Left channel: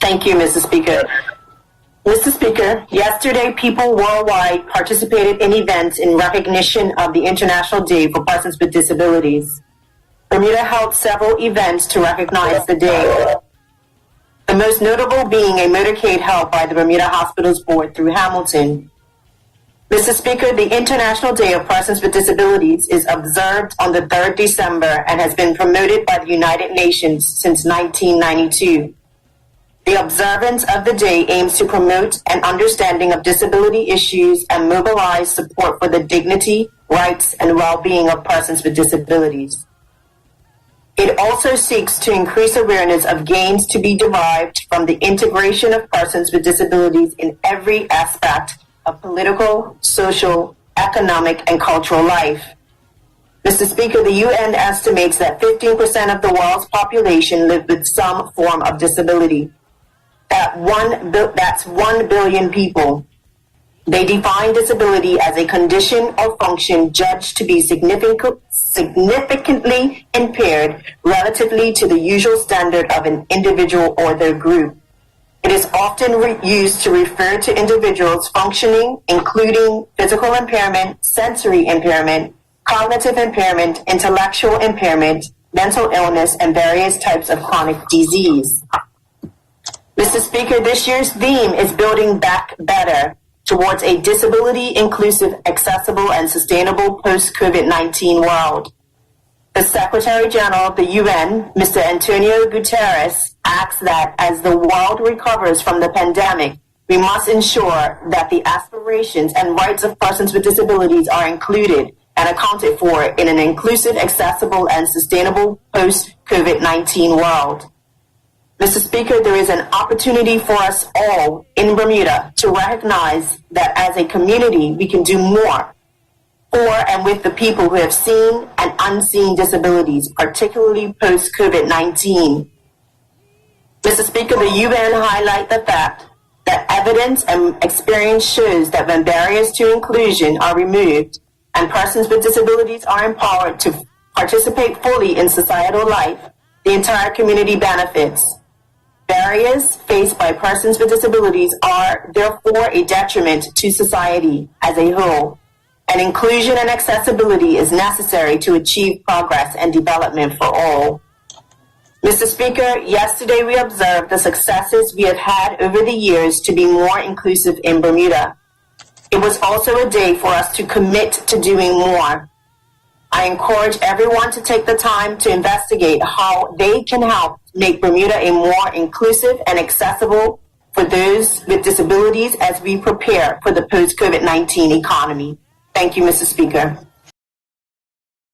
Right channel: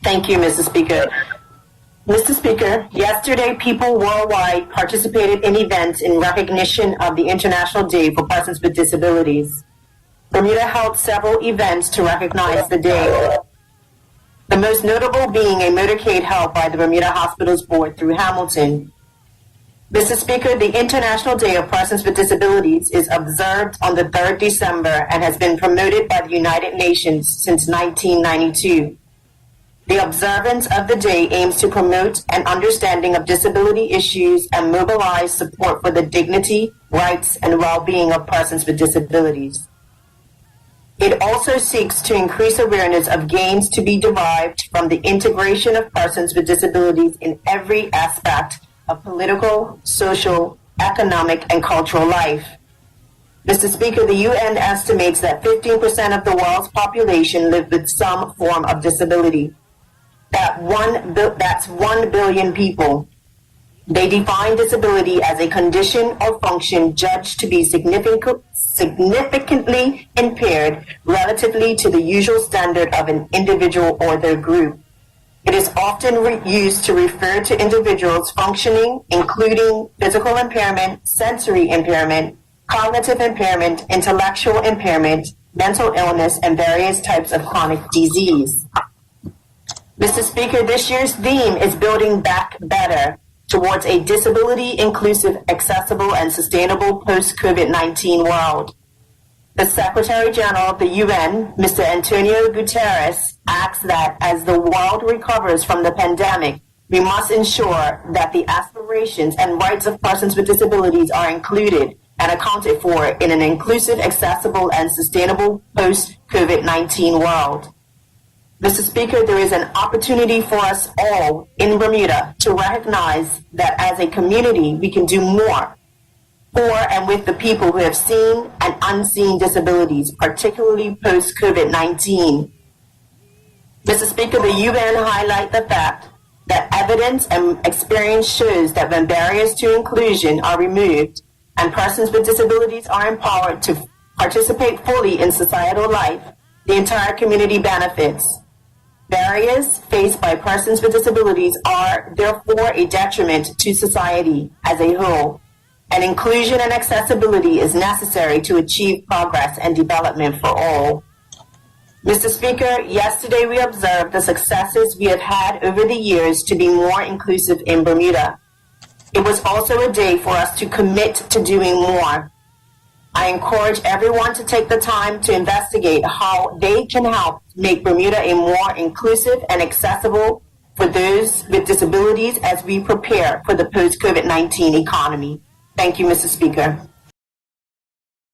Thank you, Mrs. Speaker. Mr. Speaker, yesterday people worldwide participated in events in recognition of the International Day for Persons with Disabilities. Bermuda held several events to recognize the day. The most notable being a motorcade held by the Bermuda Hospitals Board through Hamilton. Mr. Speaker, the International Day of Persons with Disabilities is observed on the 3rd December and has been promoted by the United Nations since 1992. The observance of the day aims to promote an understanding of disability issues and mobilize support for the dignity, rights, and well-being of persons with disabilities. It also seeks to increase awareness of gains to be derived from the integration of persons with disabilities in every aspect of political, social, economic, and cultural life. Mr. Speaker, the UN estimates that 15% of the world's population live with some form of disability. That's 1 billion people. They define disability as a condition or function judged to be significantly impaired relatively to the usual standard of an individual or their group. It is often used to refer to individuals functioning, including physical impairment, sensory impairment, cognitive impairment, intellectual impairment, mental illness, and various types of chronic disease. Mr. Speaker, this year's theme is Building Back Better towards a disability-inclusive, accessible, and sustainable post-COVID-19 world. The Secretary General of the UN, Mr. Antonio Guterres, asks that as the world recovers from the pandemic, we must ensure that the aspirations and rights of persons with disabilities are included and accounted for in an inclusive, accessible, and sustainable post-COVID-19 world. Mr. Speaker, there is an opportunity for us all in Bermuda to recognize that as a community, we can do more for and with the people who have seen and unseen disabilities, particularly post-COVID-19. Mr. Speaker, the UN highlight the fact that evidence and experience shows that when barriers to inclusion are removed and persons with disabilities are empowered to participate fully in societal life, the entire community benefits. Barriers faced by persons with disabilities are therefore a detriment to society as a whole, and inclusion and accessibility is necessary to achieve progress and development for all. Mr. Speaker, yesterday we observed the successes we have had over the years to be more inclusive in Bermuda. It was also a day for us to commit to doing more. I encourage everyone to take the time to investigate how they can help make Bermuda a more inclusive and accessible for those with disabilities as we prepare for the post-COVID-19 economy. Thank you, Mr. Speaker.